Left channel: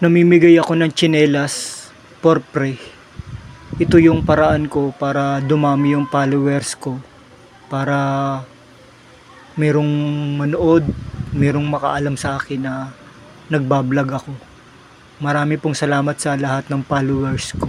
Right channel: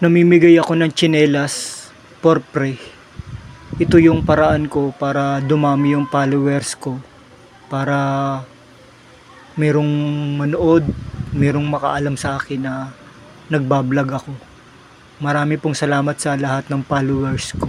Namimigay ako ng tsinelas for free. Ito yung paraan ko para dumami yung followers ko. Para merong manood, merong makaalam sa akin na nagbablog ako. Marami pong salamat sa lahat ng followers ko.